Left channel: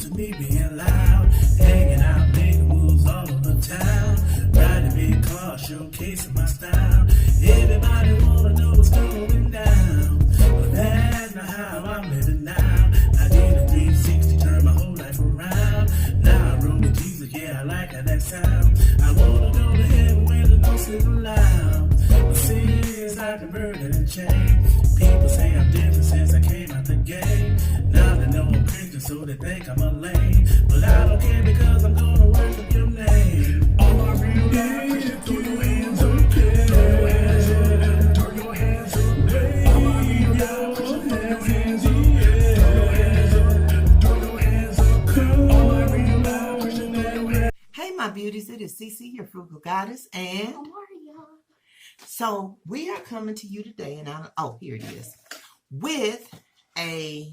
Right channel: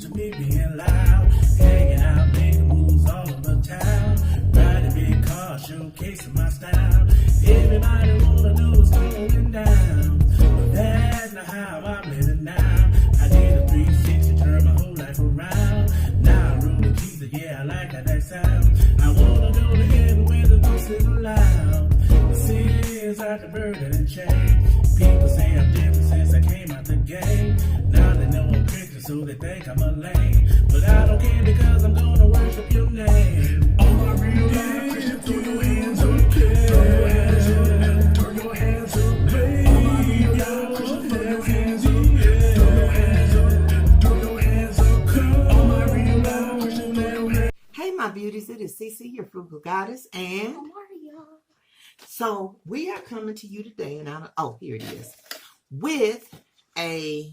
used to me being loud, hanging out, making moves all over town, riding big cars, showcasing my style. Everybody wanna know what's going down, but that's not how I'm living now. I did a 360, turn my whole life around. Now I roll with Jesus, yeah, I like how that sound. I wanna go to heaven where there's no sin allowed. The sin is like a burden and chain. People say I'm different since I came out the game. Now they know I'm Christian, so they think I'm a lame. But I don't care because I'm gonna worship your name. All my real life Christians, throw your hands up. Throw your hands up. Throw your hands up. All my real life Christians, throw your hands up. Throw your hands up. Throw your hands up. All my real life Christians, throw your hands up. Hey, my beauties, it is Cece, your frugal goddess, and so we are coming to you today, and here it is, with a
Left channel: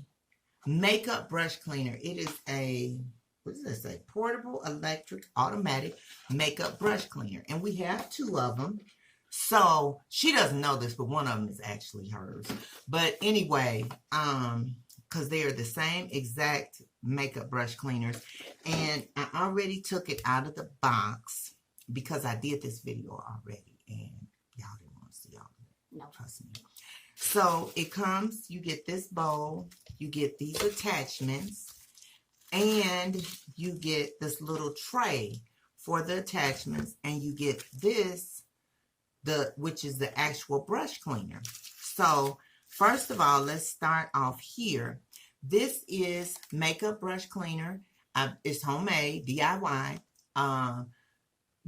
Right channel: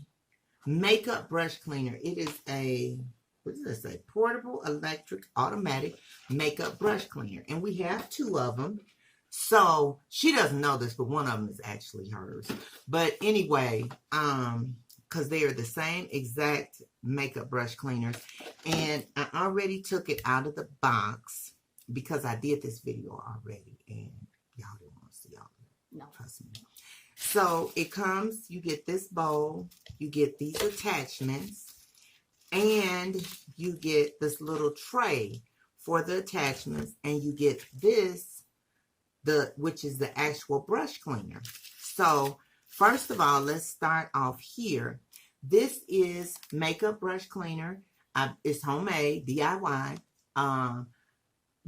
makeup brush cleaner. It is a, what does that say? Portable electric automatic makeup brush cleaner, and we have two of them. So she doesn't know this, but one of them is actually hers. But anyway, because they are the same exact makeup brush cleaners, and I already took it out of the box because I did this video already, and y'all didn't want to see all of it. No, trust me. So it comes, you get this bowl, you get these attachments, and you get this little tray for the attachments, and you get this, which is the actual brush cleaner. So first of all, let's start off here. This is makeup brush cleaner. It's homemade, DIY.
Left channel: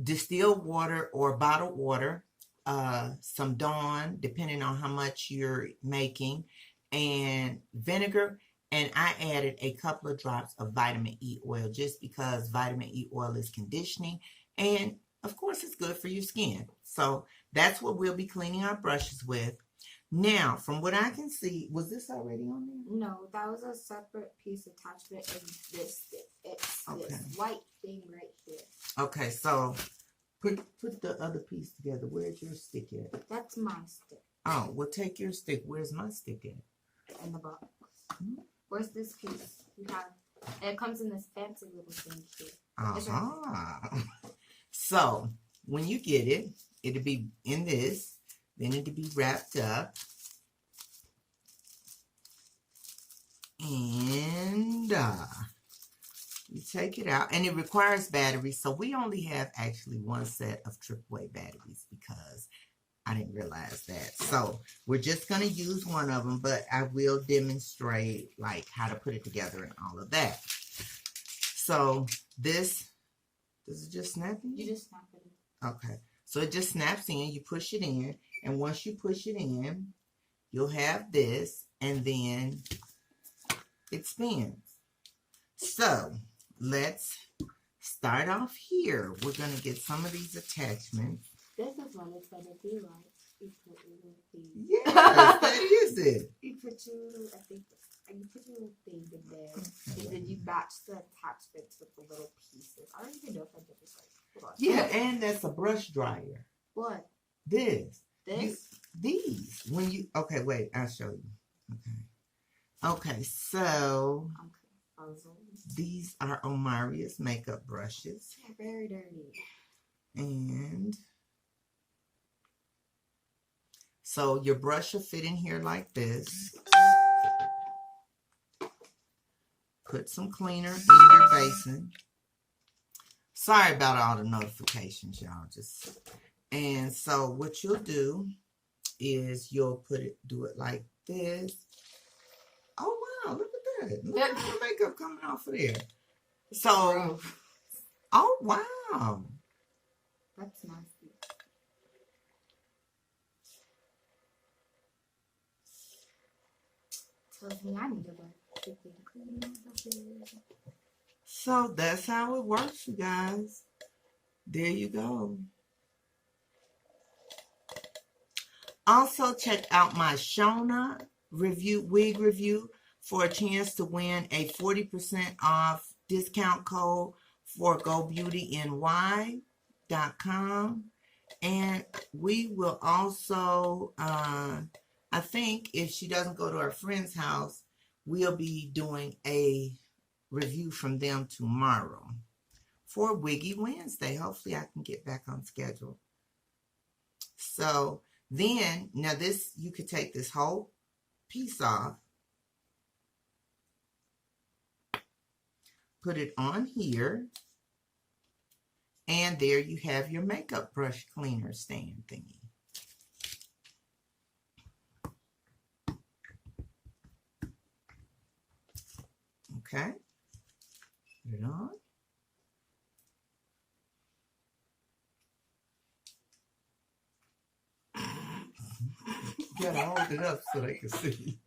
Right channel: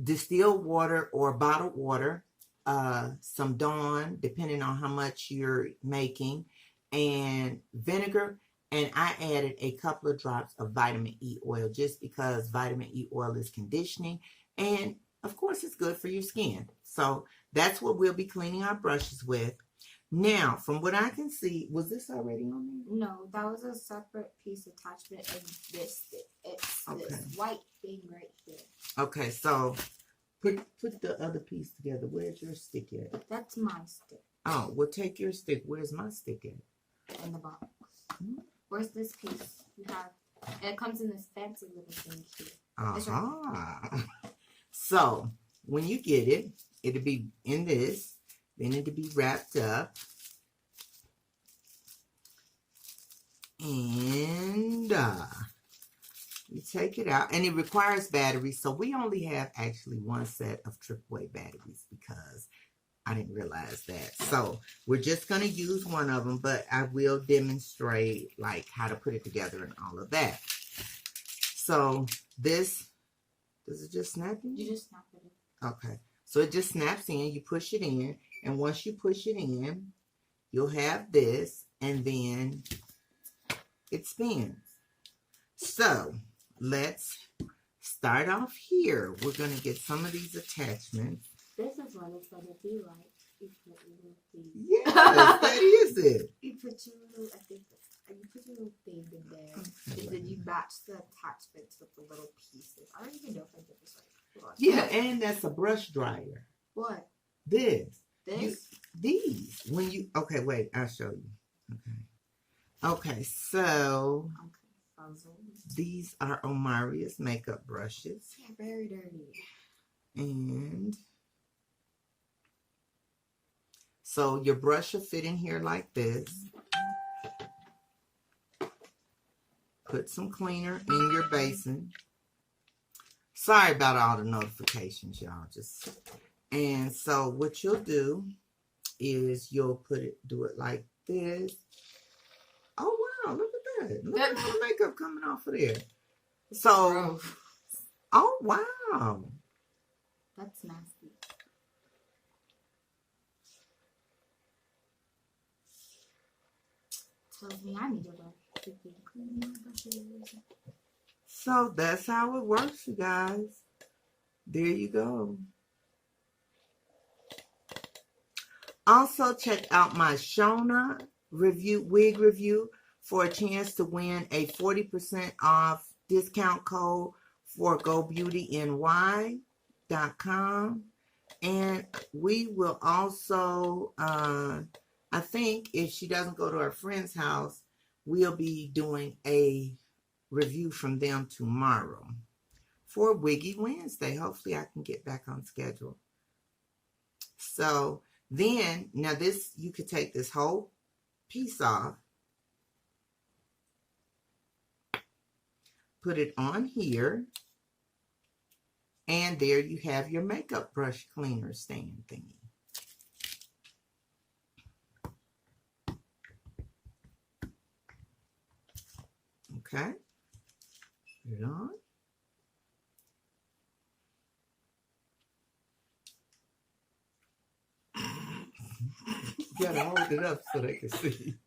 Distilled water or bottled water, some Dawn, depending on how much you're making, and vinegar. And I added a couple of drops of vitamin E oil just because vitamin E oil is conditioning. And of course, it's good for your skin. So that's what we'll be cleaning our brushes with. Now, from what I can see, was this already on there? No, that was a separate piece attachment in this stick. It's this white thing right here. Okay, so put the other piece together. Where's your stick at? That's my stick. Oh, well, take your stick. Where's my stick at? In the box. Mm-hmm. Where's this piece? You have. It comes in this fancy little thing here. Right. So when you get it, it'll be in this. Then it'll be wrapped up. And you take it out. And it requires batteries. So we only have actually one set of AAA batteries because I didn't realize that. So we're just going to use one of them. But I will demonstrate like how to put it together and all of that. So this, does it just snap in? You just snap it in. Okay. So it just snaps in. You push it in. And once you push it in, you'll have this, and then it spins. So let's start off here. We're going to get some of these attachments. This is what it's going to be like. You put your little thing. Yes, that is it. You put your little, you put your little thing in there. Okay. And then you match the attachments with the little pieces. I don't even know if I did this right. Hold on. Yeah, and that's a brush dryer. What? This. These? When you, okay, wait, I'll show you. Okay, so these are Omaria's makeup brushes. They're very dirty. And so your brush will fit in here like this. Put some cleaner in your basin. Sorry about all the notifications, y'all. And so what you'll do is you'll do it like this. Oh, wow, look at that. Look at the makeup coming off of there. So, oh, wow. That's nasty. Tells me I need to clean my brushes. So that's how it works, you guys. There you go. Also, check out my Shona wig review for a chance to win a 40% off discount code for GoBeautyNY.com. And we will also, I think if she doesn't go to her friend's house, we'll be doing a review from them tomorrow for Wiggy Wednesday. Hopefully I can get back on schedule. So then, now this, you could take this whole piece off, put it on here, and there you have your makeup brush cleaner stand thingy. Okay, put it on. You gotta hold it up so they can see.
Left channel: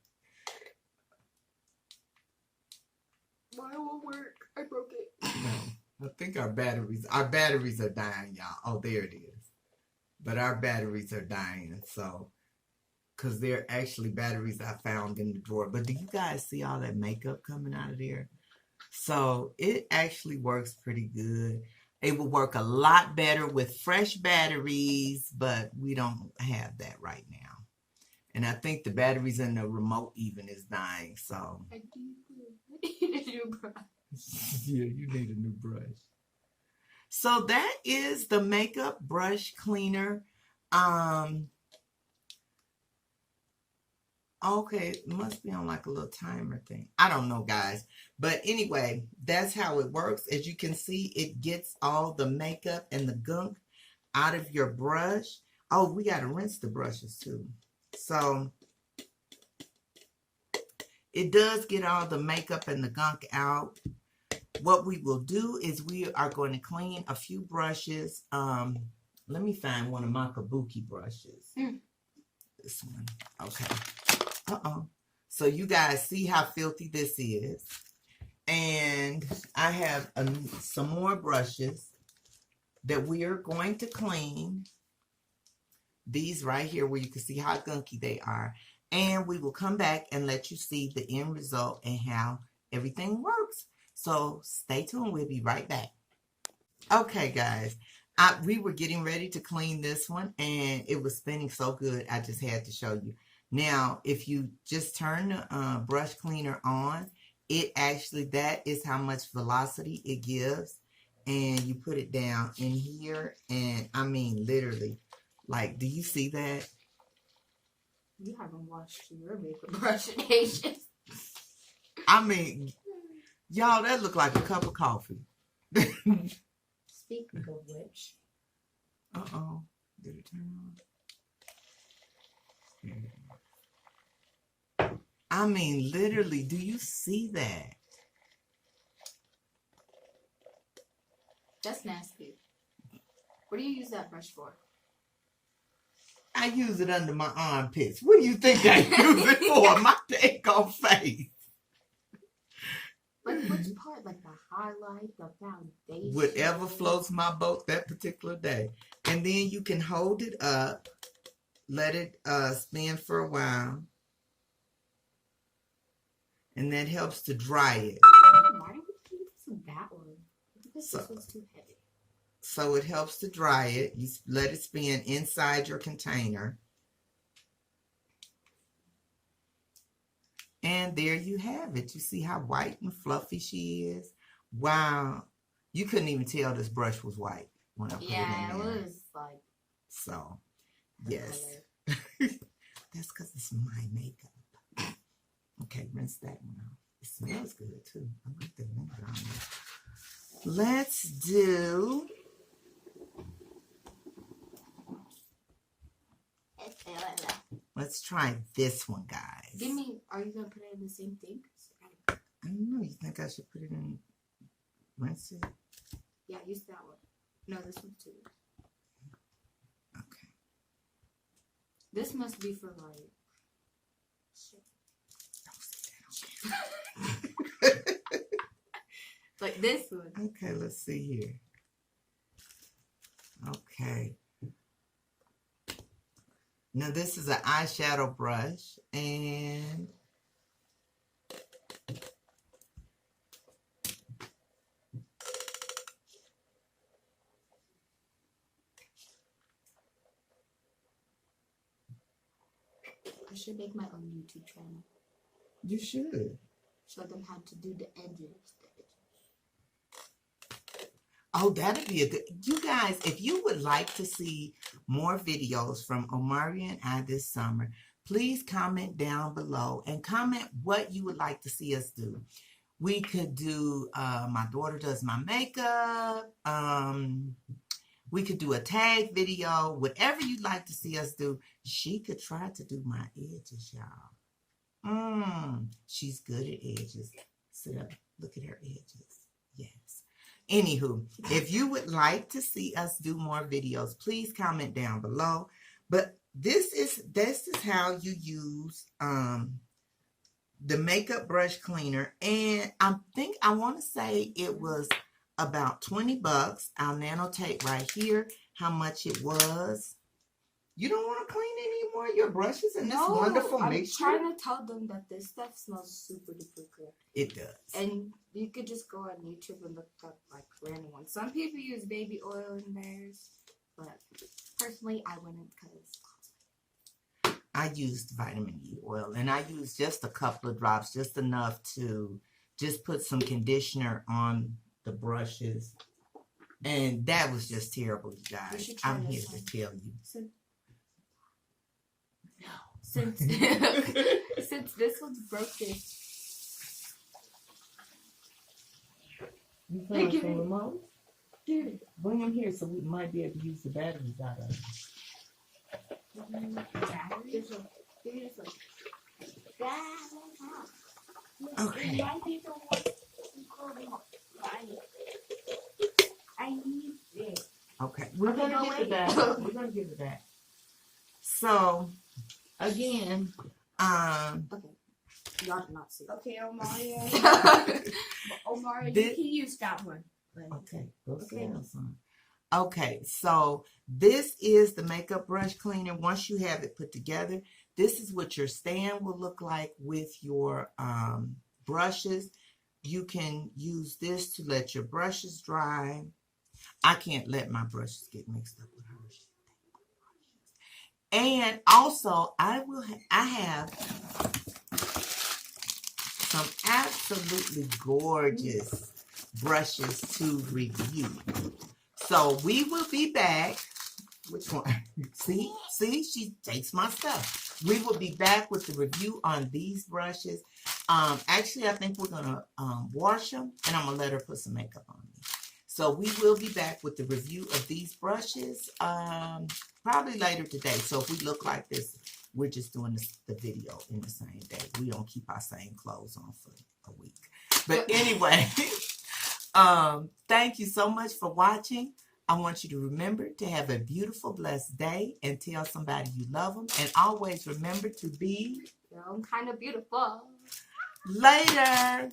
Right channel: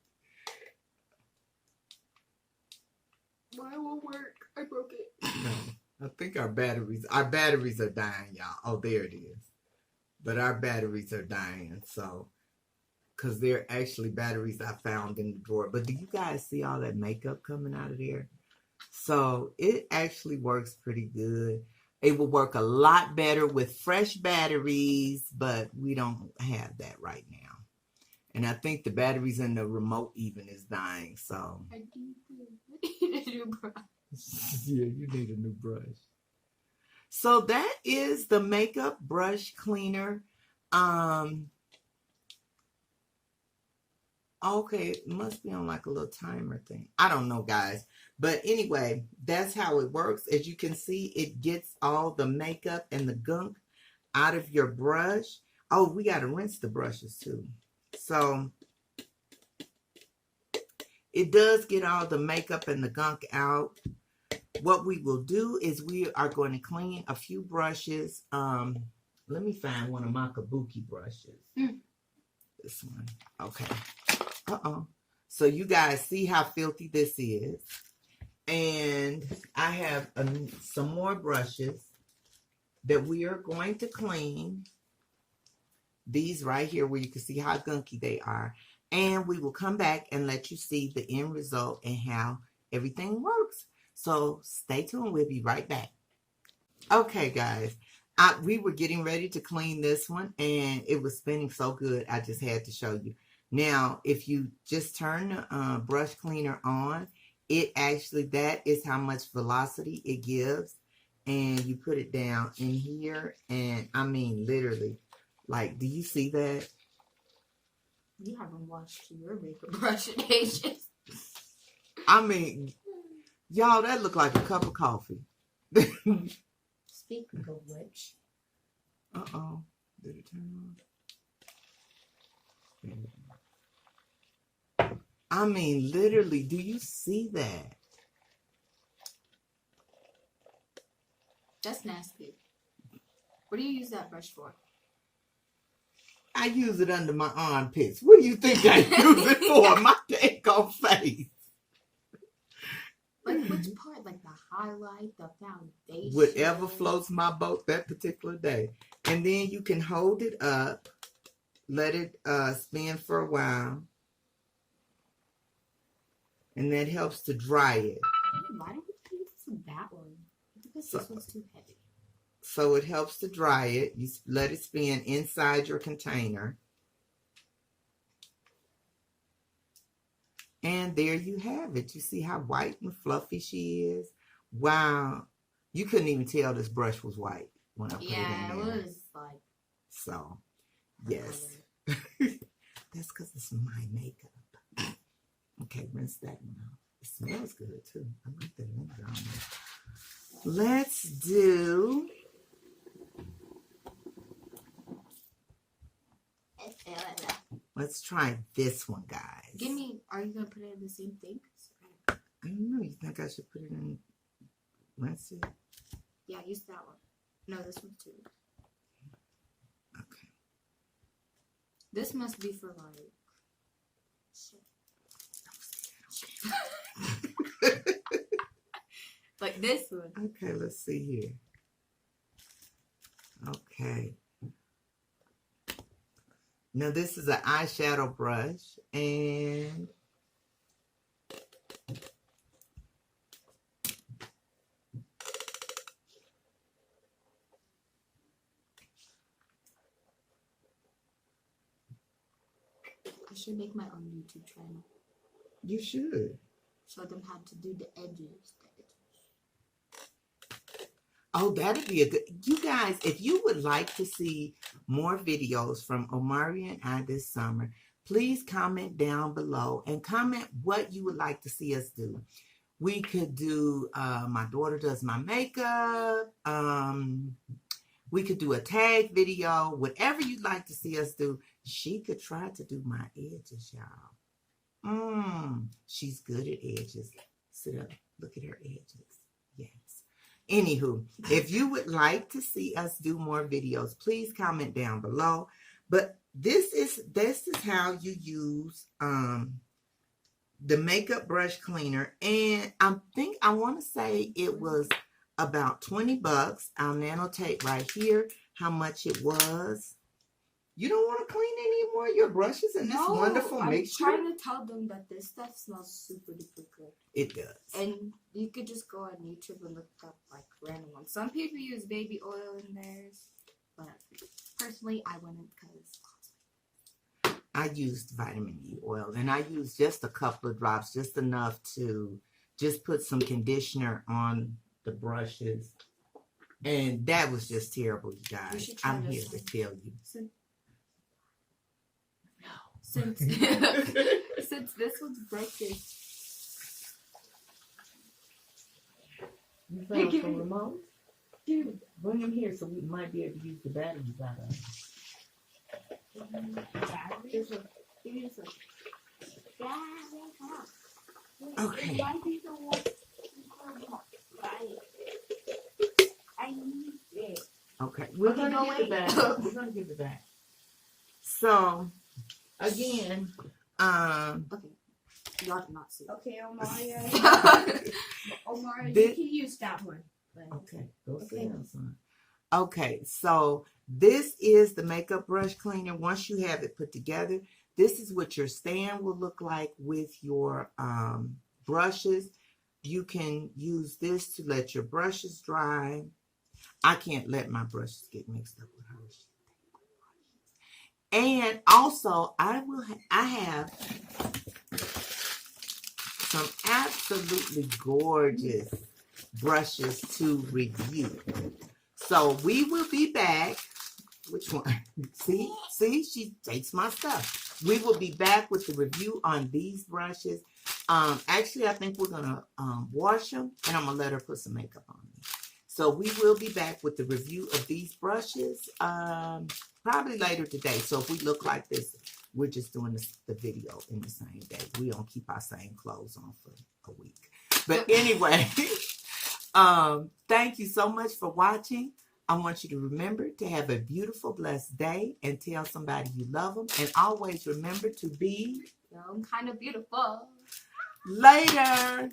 Mine won't work. I broke it. I think our batteries are dying, y'all. Oh, there it is. But our batteries are dying, so, because they're actually batteries I found in the drawer. But do you guys see all that makeup coming out of there? So it actually works pretty good. It will work a lot better with fresh batteries, but we don't have that right now. And I think the batteries in the remote even is dying, so. I need a new brush. Yeah, you need a new brush. So that is the makeup brush cleaner. Okay, it must be on like a little timer thing. I don't know, guys. But anyway, that's how it works. As you can see, it gets all the makeup and the gunk out of your brush. Oh, we got to rinse the brushes too. So it does get all the makeup and the gunk out. What we will do is we are going to clean a few brushes. Let me find one of my kabuki brushes. This one. Okay. So you guys see how filthy this is. And I have some more brushes that we are going to clean. These right here where you can see how gunky they are. And we will come back and let you see the end result and how everything works. So stay tuned. We'll be right back. Okay, guys. We were getting ready to clean this one, and it was spinning so good, I just had to show you. Now, if you just turn the brush cleaner on, it actually, that is how much velocity it gives. And you put it down in here, and I mean, literally, like, do you see that? You haven't washed your makeup brush in ages. I mean, y'all, that looked like a cup of coffee. Speaking of which. Uh-oh. Did it turn on? I mean, literally, do you see that? That's nasty. What do you use that brush for? I use it under my armpits. What do you think I use it for? My daggone face. Like which part? Like the highlight, the foundation? Whatever floats my boat that particular day. And then you can hold it up, let it spin for a while. And that helps to dry it. Why do we use that one? Because this one's too heavy. So it helps to dry it. You let it spin inside your container. And there you have it. You see how white and fluffy she is? Wow. You couldn't even tell this brush was white when I put it in there. Yeah, it was like... So, yes. That's because it's my makeup. Okay, rinse that one out. It smells good, too. I like the vinegar on it. Let's do... Let's try this one, guys. Give me, are you going to put it in the same thing? I don't know. You think I should put it in, rinse it? Yeah, use that one. No, this one too. Okay. This must be for like... like this one. Okay, let's see here. Okay. Now this is an eyeshadow brush, and I should make my own YouTube channel. you should. Show them how to do the edges. Oh, that'd be a good. You guys, if you would like to see more videos from Omari and I this summer, please comment down below and comment what you would like to see us do. We could do my daughter does my makeup. We could do a tag video, whatever you'd like to see us do. She could try to do my edges, y'all. She's good at edges. Sit up, look at her edges. Yes. Anywho, if you would like to see us do more videos, please comment down below. But this is how you use the makeup brush cleaner, and I want to say it was about $20. I'll annotate right here how much it was. You don't want to clean any more of your brushes in this wonderful mixture? I'm trying to tell them that this stuff smells super duper good. It does. And you could just go on YouTube and look up like random ones. Some people use baby oil in theirs, but personally I wouldn't because I used vitamin E oil, and I used just a couple of drops, just enough to just put some conditioner on the brushes. And that was just terrible, you guys. I'm here to tell you. Since this one's broken. You found some remote? Dude, bring them here so we might be able to use the batteries out of them. Okay. Okay, we're gonna give it back. We're gonna give it back. So, again, Okay. Y'all did not see. Okay, Omari, This- you can use that one. okay, go sit down, son. Okay, so this is the makeup brush cleaner. Once you have it put together, this is what your stand will look like with your brushes. You can use this to let your brushes dry. I can't let my brushes get mixed up with hers. And also, I have some absolutely gorgeous brushes to review. So we will be back. Which one? See, she takes my stuff. We will be back with the review on these brushes. Actually, I think we're gonna wash them, and I'm gonna let her put some makeup on them. So we will be back with the review of these brushes probably later today. So if we look like this, we're just doing the video in the same day. We don't keep our same clothes on for a week. But anyway, thank you so much for watching. I want you to remember to have a beautiful, blessed day and tell somebody you love them. And always remember to be Kind of beautiful. later.